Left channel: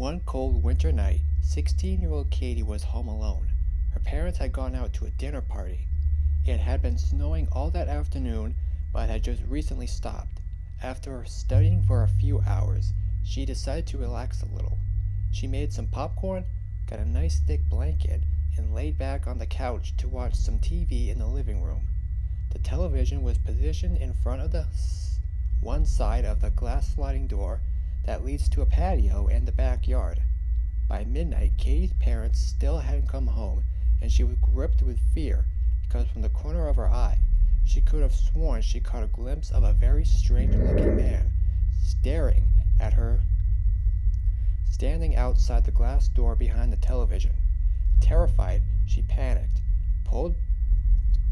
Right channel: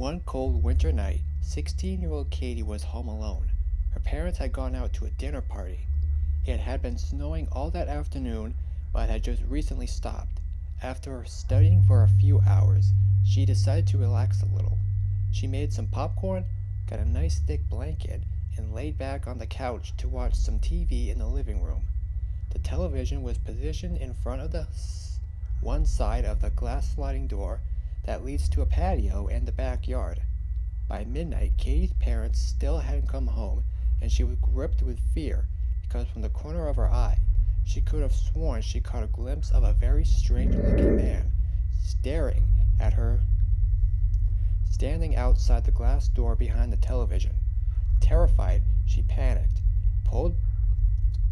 One cold winter night, 16-year-old Katie was home alone. Her parents had gone out to a dinner party. It had been snowing all that afternoon, but had just recently stopped. After studying for a few hours, she decided to relax a little. She made some popcorn, got a nice thick blanket, and laid back on the couch to watch some TV in the living room. The television was positioned in front of the one side of the glass sliding door that leads to a patio and the backyard. By midnight, Katie's parents still hadn't come home, and she was gripped with fear because from the corner of her eye, she could have sworn she caught a glimpse of a very strange-looking man staring at her, standing outside the glass door behind the television. Terrified, she panicked, pulled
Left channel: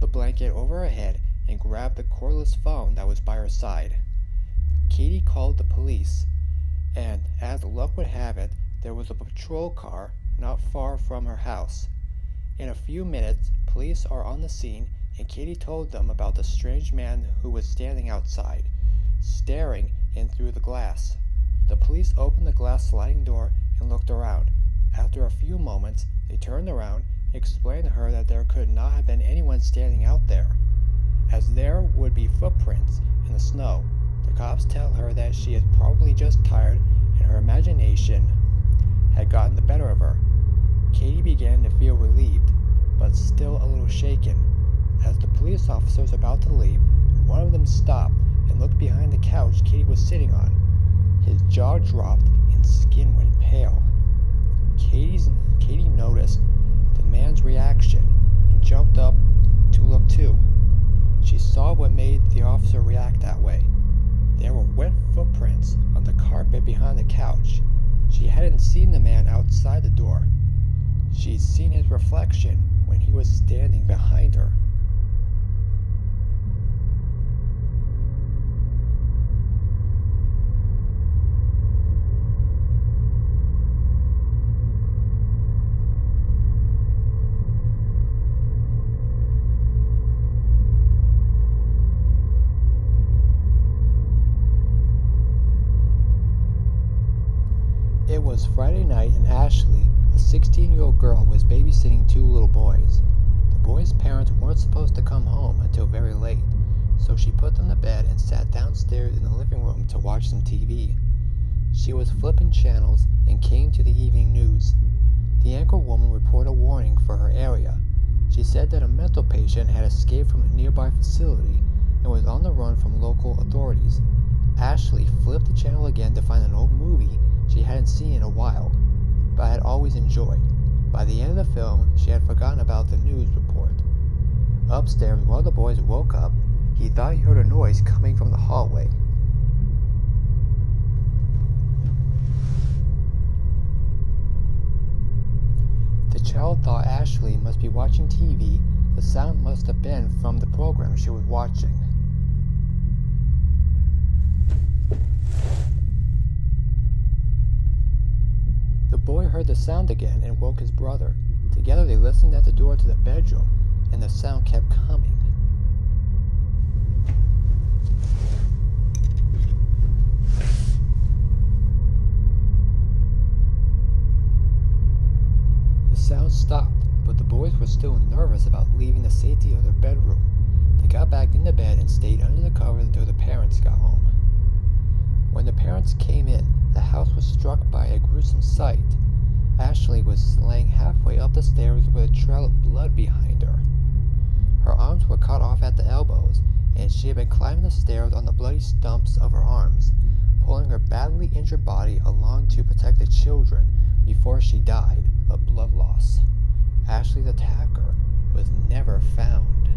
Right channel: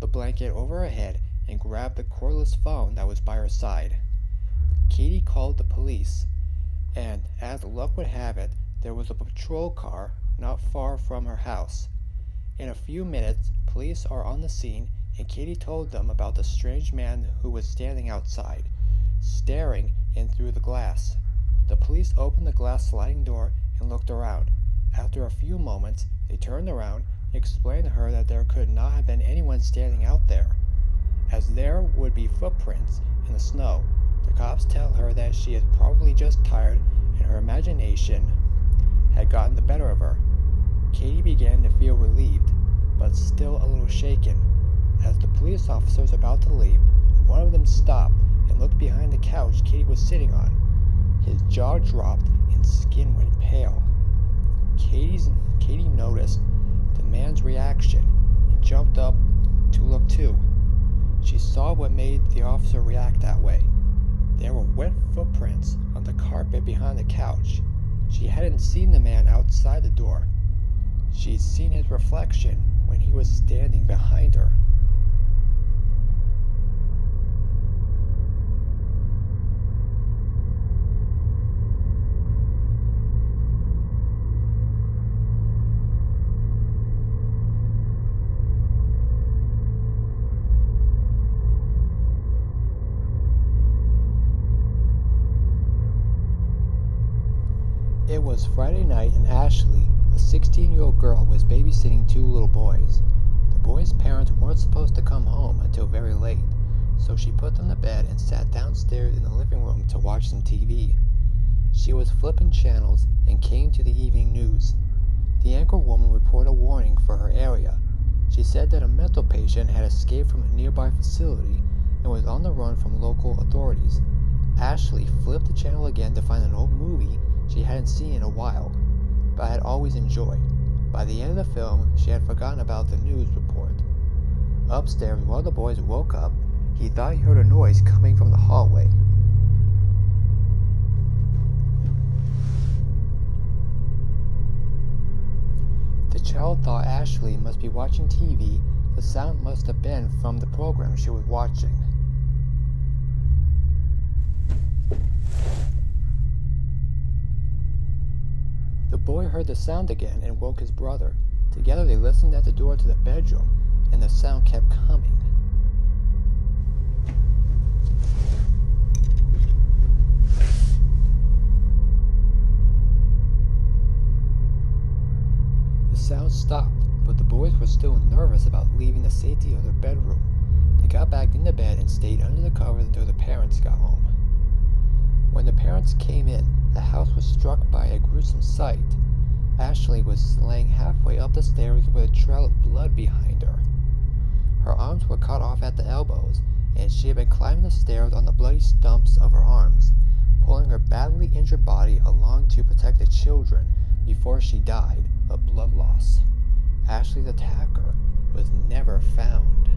the blanket over her head, and grabbed the cordless phone that was by her side. Katie called the police, and as luck would have it, there was a patrol car not far from her house. In a few minutes, police are on the scene, and Katie told them about the strange man who was standing outside, staring in through the glass. The police opened the glass sliding door and looked around. After a few moments, they turned around and explained to her that there could not have been anyone standing out there, as there would be footprints in the snow. The cops tell her that she is probably just tired and her imagination had gotten the better of her. Katie began to feel relieved, but still a little shaken. As the police officers were about to leave, one of them stopped and looked behind the couch Katie was sitting on. His jaw dropped and skin went pale. Katie noticed the man's reaction and jumped up to look too. She saw what made the officer react that way. There were wet footprints on the carpet behind the couch. She hadn't seen the man outside the door. She'd seen his reflection when he was standing behind her. It was Friday night, and Ashley, a 16-year-old girl, was babysitting two little boys. The boys' parents weren't supposed to come home until very late, so she put them to bed and sat downstairs in the living room to watch some TV. She was flipping channels and came to the evening news. The anchor woman reported a warning for her area. She said that a mental patient had escaped from a nearby facility and was on the run from local authorities. Ashley flipped the channel again to find an old movie she hadn't seen in a while, but had always enjoyed. By the end of the film, she had forgotten about the news report. Upstairs, while the boys woke up, he thought he heard a noise coming from the hallway. The child thought Ashley must be watching TV. The sound must have been from the program she was watching. The boy heard the sound again and woke his brother. Together they listened at the door to the bedroom, and the sound kept coming. The sound stopped, but the boys were still nervous about leaving the safety of their bedroom. They got back into bed and stayed under the covers until the parents got home. When the parents came in, the house was struck by a gruesome sight. Ashley was laying halfway up the stairs with a trail of blood behind her. Her arms were cut off at the elbows, and she had been climbing the stairs on the bloody stumps of her arms, pulling her badly injured body along to protect the children before she died of blood loss. Ashley's attacker was never found.